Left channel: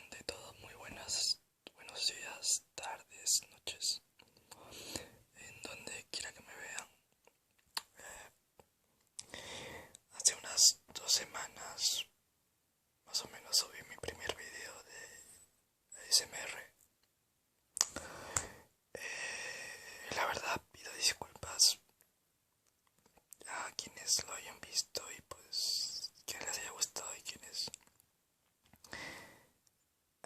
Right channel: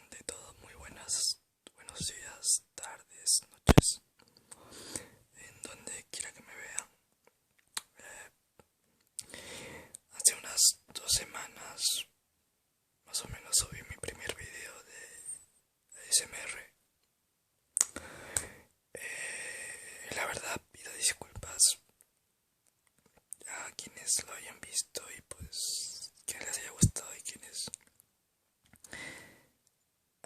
Ante todo, muy buenos días, tardes, noches, en donde quiera que me vean. Hace unas 2 semanas, más o menos, subí mi primer video de ASMR. La verdad, pido disculpas a quienes lo hayan visto y pues que les haya gustado y quienes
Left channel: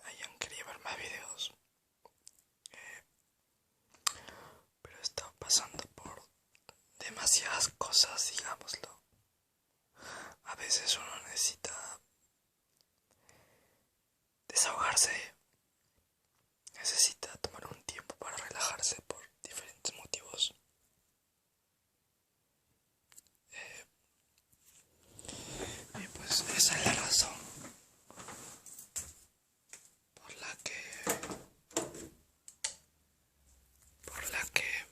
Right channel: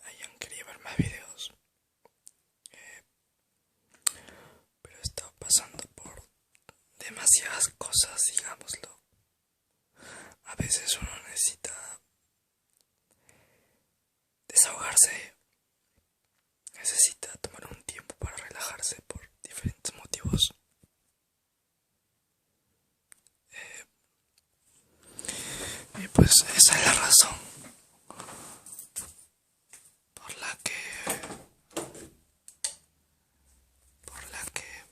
hayan querido ver más videos. Pero he estado pasando por demasiadas cosas, digámoslo. A veces uno necesita desahogarse, necesita tomar un tiempo para relajarse por diferentes motivos. Y pues esa es la razón por la que, por la que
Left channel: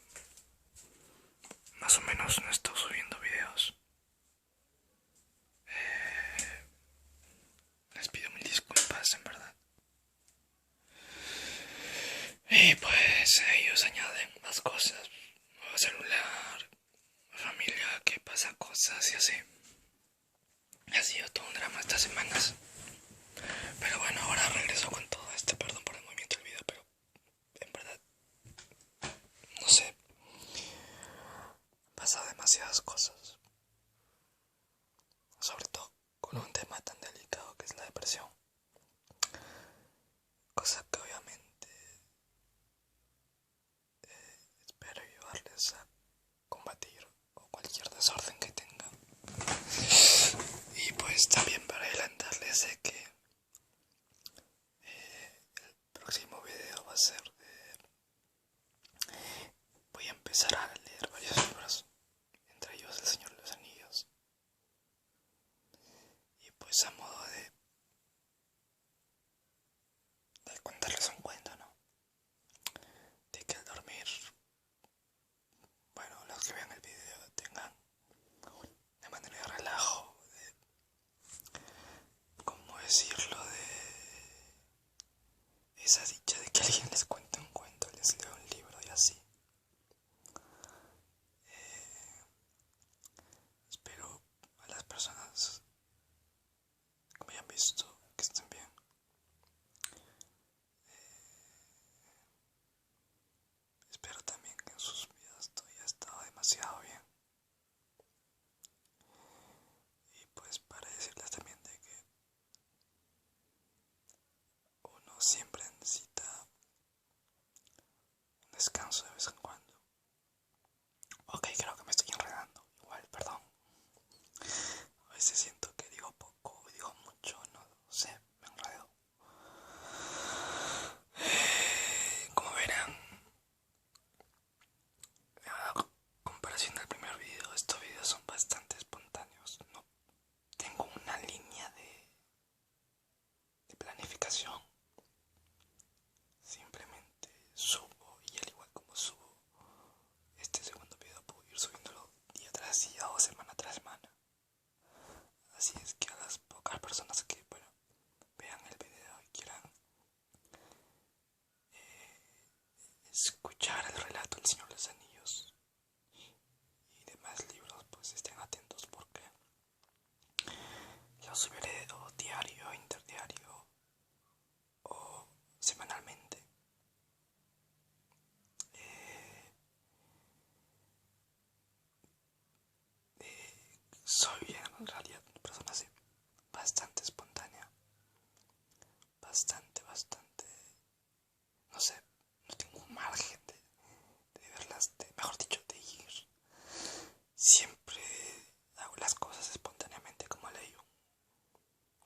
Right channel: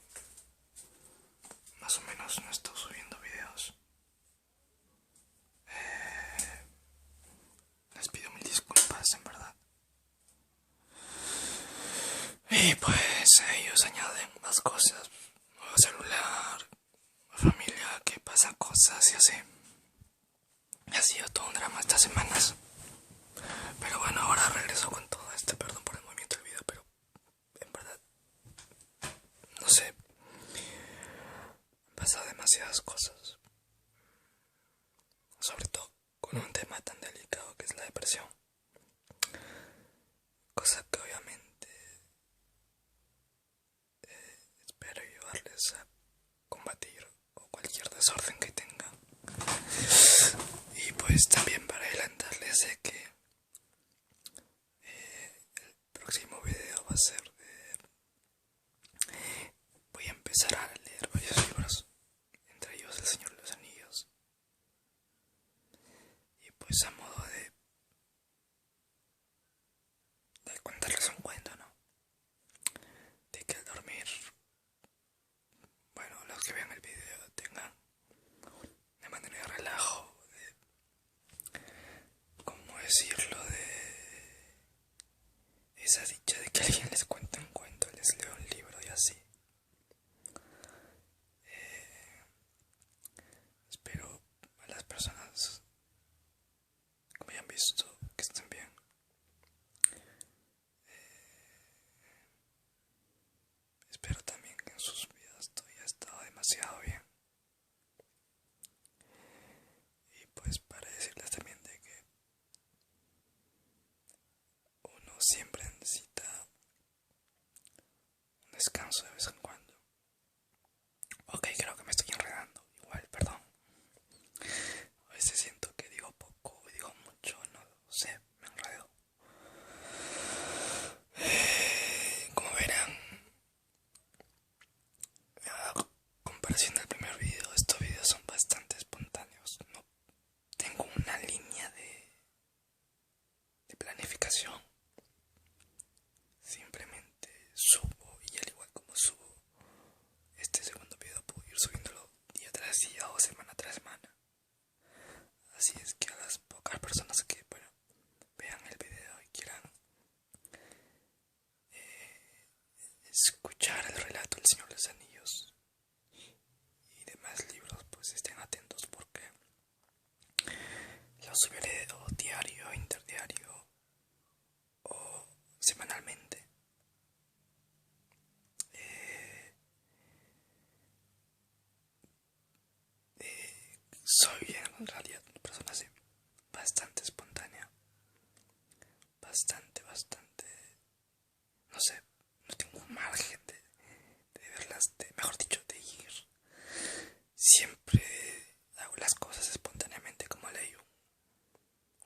más o menos no estoy subiendo videos. Les pido mil disculpas, en verdad. Y pues ellos añaden más cosas, nuevo celular, familia que pasa cosas y así. Ha sido todo un drama estas semanas. Pero bueno, ahora regreso con todo este, perdón por el movimiento del video, pero en verdad, no sé, han pasado demasiadas cosas. Sobre todo con un tema tan delicado que es la depresión. Cosa que obviamente espero ayudarles a combatir o cualquier desorden que tengan. Y pues también para adelantarles de que el próximo video va a ser voy a empezar a leer varios libros, entre ellos El Señor de los Anillos. Y pues a modo de contarles un cuento, ¿no? De que al dormir, bueno, los que vean el video tengan de manera de relajo, ¿cómo decirlo? De esa dicha de que alguien les cuente un cuento, les lea un libro y así. Espero a las personas que me hayan visto que estén bien. Espero también que en sus vidas todo haya estado demasiado bien. Y pues para decirles también de que uno siempre necesita un descanso de vez en cuando. Ok, creo que me estoy enredando. Igual, perdón. A veces siento que digo poco, digo mucho, no sé, me enredo. Como verán, a comparación del primer video, estos videos son bastante espontáneos. No tengo una línea de planificación. Simplemente subo y al igual como subo este segundo video puedo ir subiéndolo día tras día o semana tras semana. Así es que a las pocas personas que vean el video y quieran escuchar el relato del Señor de los Anillos y demás libros, pues estén atentos porque los subiré o diario, interdiario o semanalmente. Soy en realidad una persona así, bastante espontánea, bastante, no sé, no tengo un margen de verlas, mejor dicho, de ir. Siempre hago las cosas espontáneamente como leí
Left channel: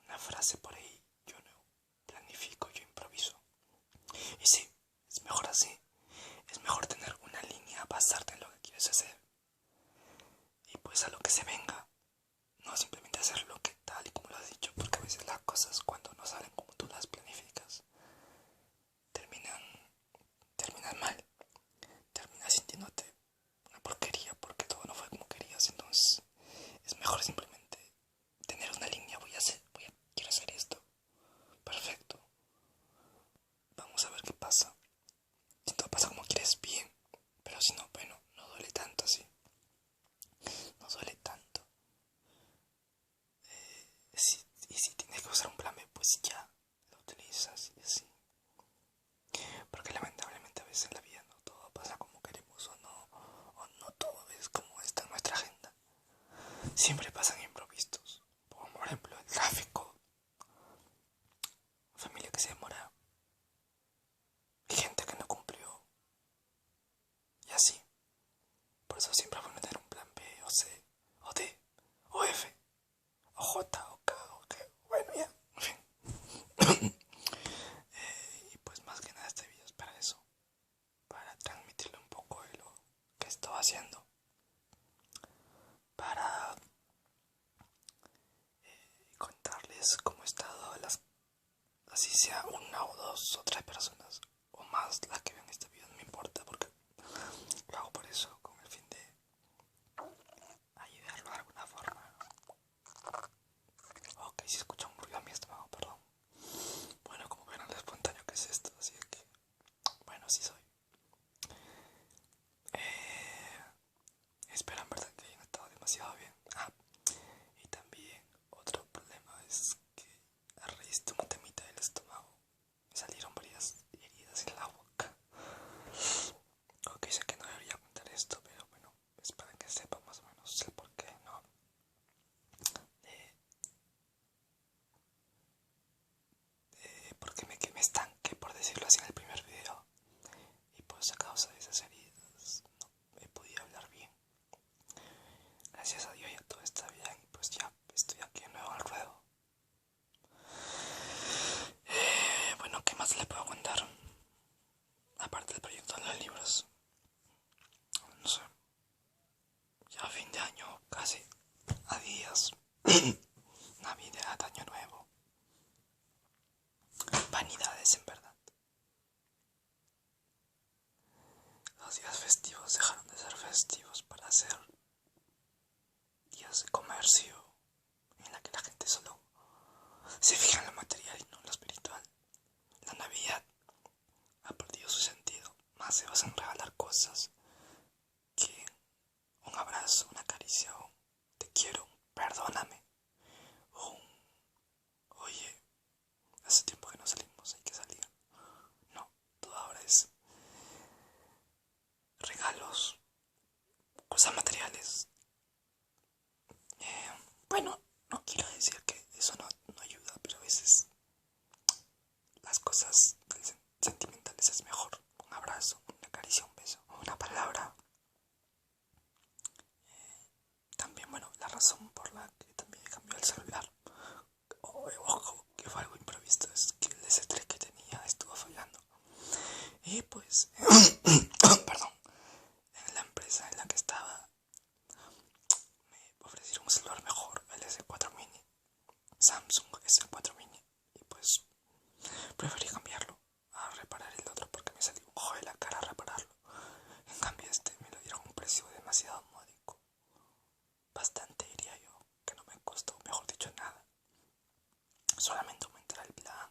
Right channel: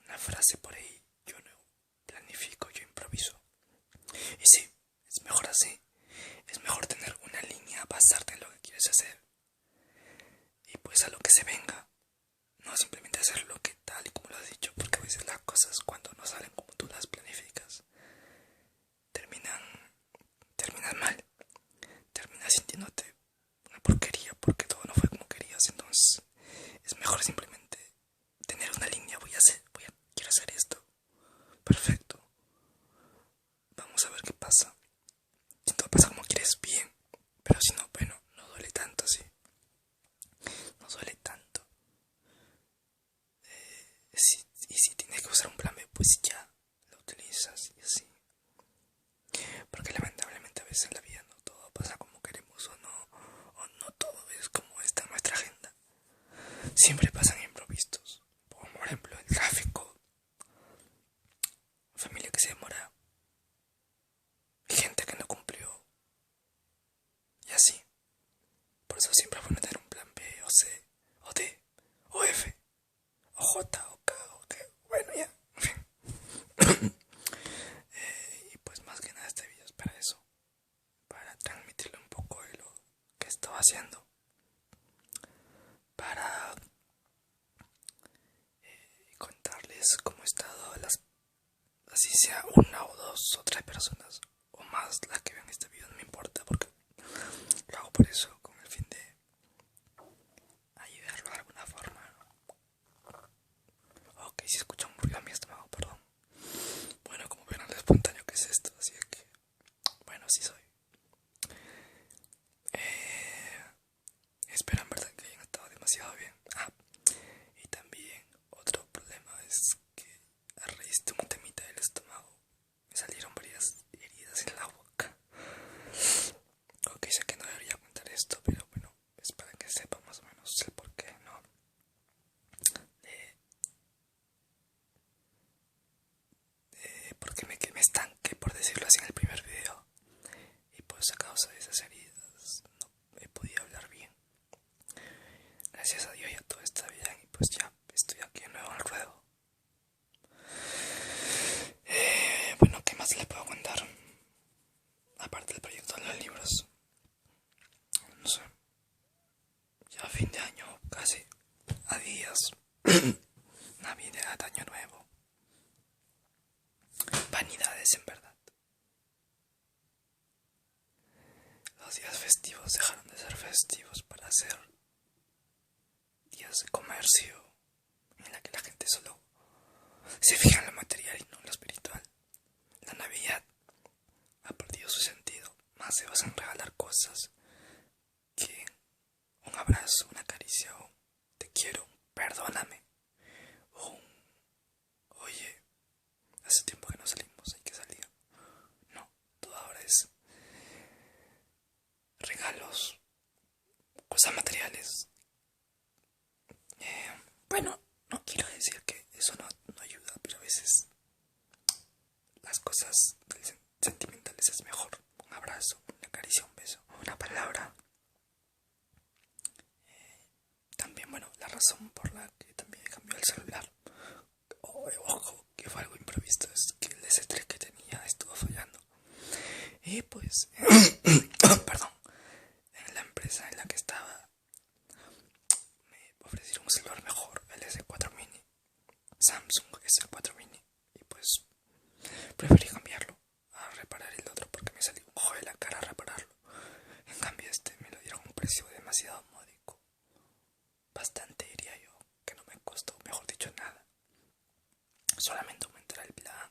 una frase por ahí, yo no planifico, yo improviso. Y sí, es mejor así, es mejor tener una línea, basarte en lo que quieres hacer y pues a lo que se venga. No simplemente hacer lo que tal y como lo has dicho, porque a veces las cosas cuando no salen como tú las planificas, terminan, terminan mal, terminas sintiéndote una porquería porque todo no fue como querías. Entonces es mejor simplemente tener una línea, quiero hacer esto si tienes que usar un plan B, pues ya lo utilizas y así. Porque lamentablemente a veces en la vida no todo pasa como queremos o no todo es como está en nuestra agenda. Siempre pasan imprevistos, como por ejemplo el tráfico, familia que se demora, gente que no cumplió y así. Por eso siempre es bueno tener un plan B o C o D o F o J o K o G. Bueno, ya, en fin. Y pues más que nada este video es para eso, para transmitirle un poco de lo que estaba haciendo, para contarles cómo he estado, así sea una o dos o tres personas o más las que vean este video, no me importa porque lo hago por eso, con el fin de ayudarlo de alguna forma. Ok, si escuchan un ruido a mi estómago, perdón. Bueno, como vieron lo espontáneo que es esto, así que bueno, sí soy. Espero en verdad que hayan estado demasiado bien. Y también otro problema es que a raíz de un temita del estómago me salieron varias heridas en la boca. Ok, sé que no debería contar esto, pero bueno, es para que sepa más o menos el por qué, ¿no? Porque me estanqué, por decirlo así, en el primer video. Y pues a causa de esas heridas no he podido hablar bien. Gracias a Dios ya todo está bien y pues ya estoy aquí de nuevo en el ruedo. Bueno, ¿qué más le puedo contar? Aparte del proyecto de los libros. No sé, ya fin de año casi, a días. Navidad, año nuevo. Vanidades en verdad. Los días festivos dejaron de ser festivos para ser días de comercio en la que la gente solo se fija en lo material y no en lo espiritual. La Navidad ha perdido su sentido. Más se basa en regalar cosas que un abrazo, una caricia, un te quiero, perdóname, un oye, hace tiempo que no salimos, hay que salir. No, todo ahora es regalos, cosas materiales. Bueno, no quiero decir que eso no ayuda, pero a veces las cosas sentimentales es mejor. Un abrazo, una caricia, un beso, una palabra. También, bueno, la razón por la que también cambió el celular, ojo, que fue algo imprevisto, es que el S3 que tenía estuvo fallando. Y pues, perdón, en la empresa en la que estaba me ofrecieron un celular mejor, el S4 Mini, Samsung S4 Mini. Y pues preferí cambiarlo a reparar el otro porque me salió un ojo de la cara a repararlo. En cambio este me lo dieron a un precio demasiado módico. Bastante diría yo, que no me costó, mejor dicho, nada. Solamente aumentar el plan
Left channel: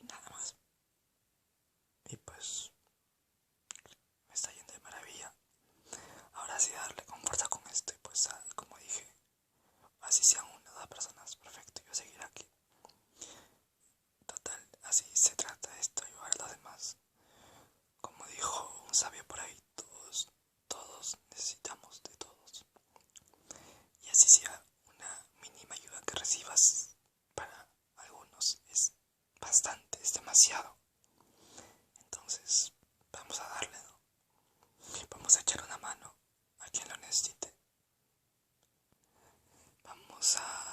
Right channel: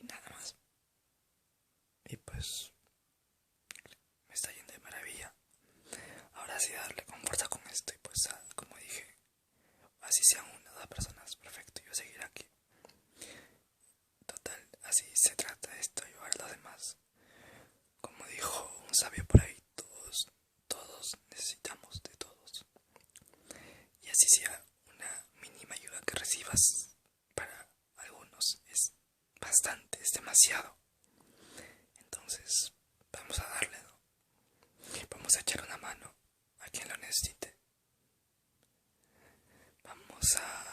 y nada más. Y pues me está yendo de maravilla. Ahora sí darle con fuerza con esto y pues como dije, así sean una o dos personas, perfecto, yo seguiré aquí. Total, así se trata esto, ayudar a los demás. Como dijo un sabio por ahí, todos necesitamos de todos. Y así sea una mínima ayuda que recibas, para algunos es bastante, es demasiado. Entonces, vamos a darle, ¿no? Vamos a echar una mano a quien lo necesite. Vamos a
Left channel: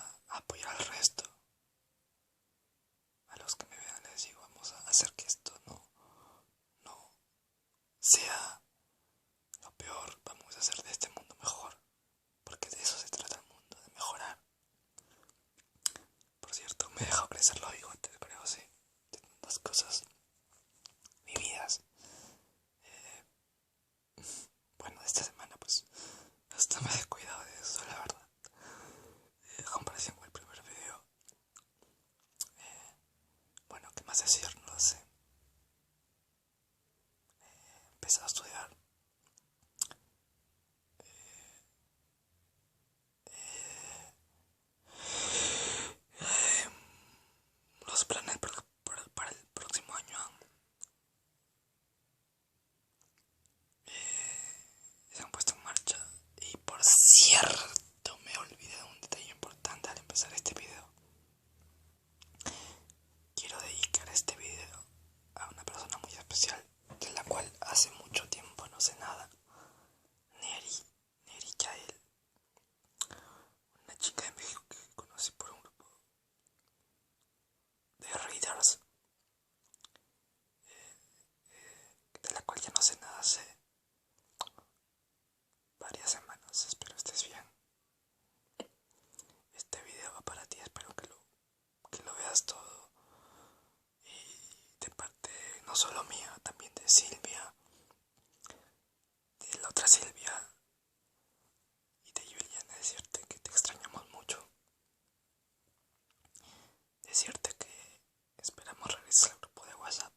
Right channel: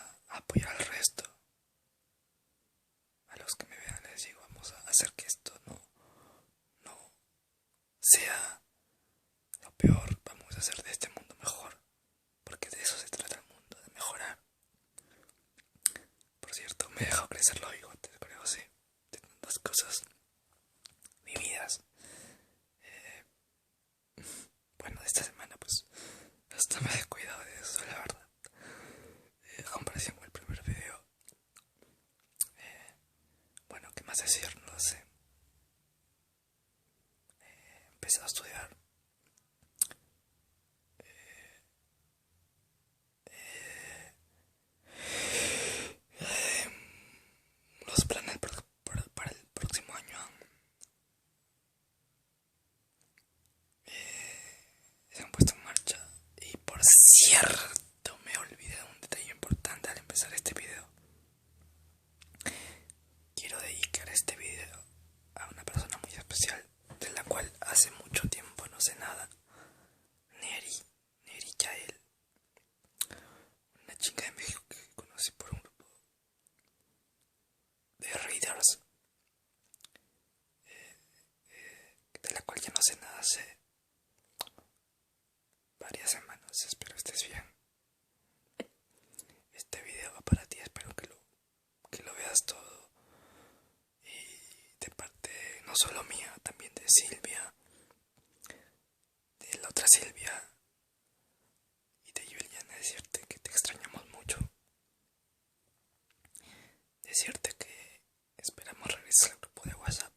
no solo mío, también de Silvia, de la otra Silvia y de Juliana, decirte que te extrañamos mucho, decirte que esperamos regresar al grupo de WhatsApp,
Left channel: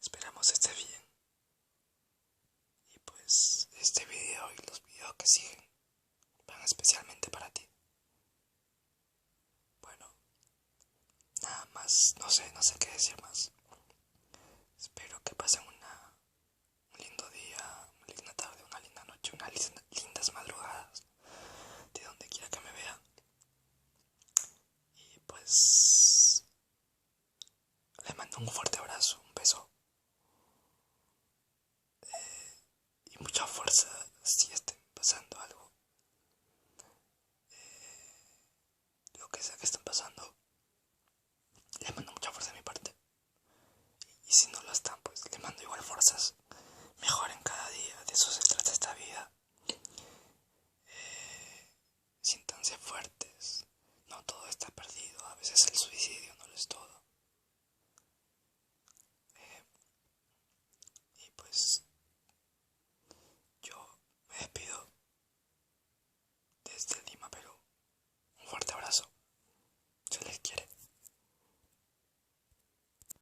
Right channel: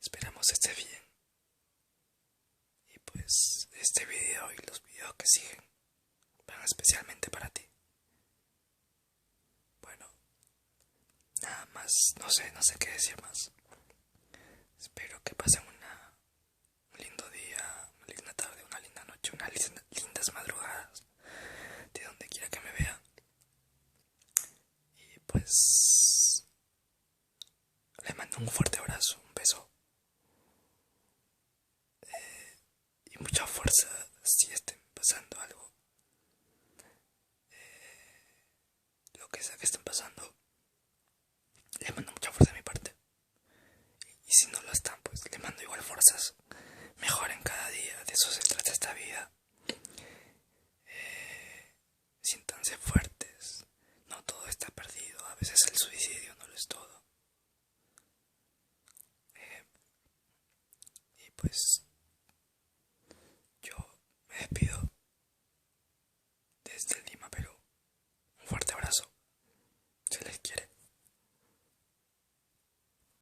esperamos esté bien y pues este video y los videos que siguen van especialmente para ti. Bueno, nada más, no sé qué decir más. Espero que pasen un lindo día, una linda tarde, una linda noche, unas lindas madrugadas, de donde quiera que me vean. Y pues les mando un fuerte abrazo, un beso y mucha fuerza si estén pasando algo, lo que sea que estén pasando.